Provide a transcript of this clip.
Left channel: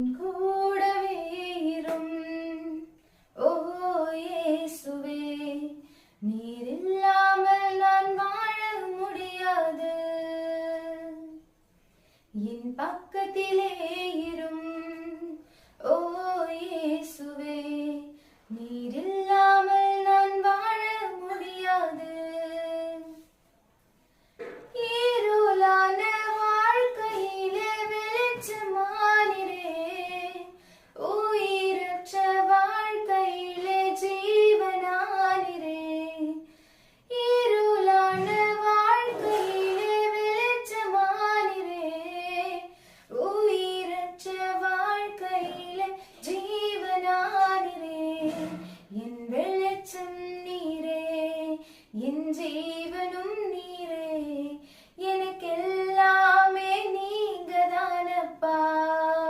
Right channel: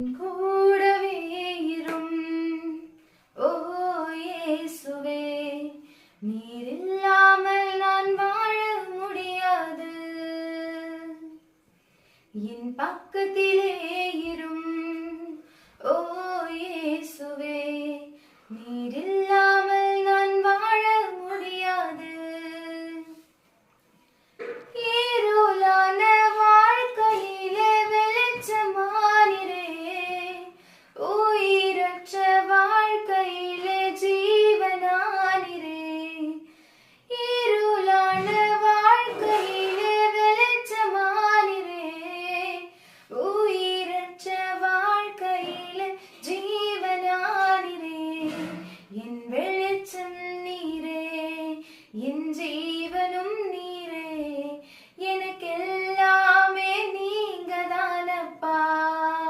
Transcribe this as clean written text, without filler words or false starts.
கூடவே இரும் ஓ இயேசுவே, நீர் இல்லாமல் நான் வாழ முடியாது. என் பக்கத்திலே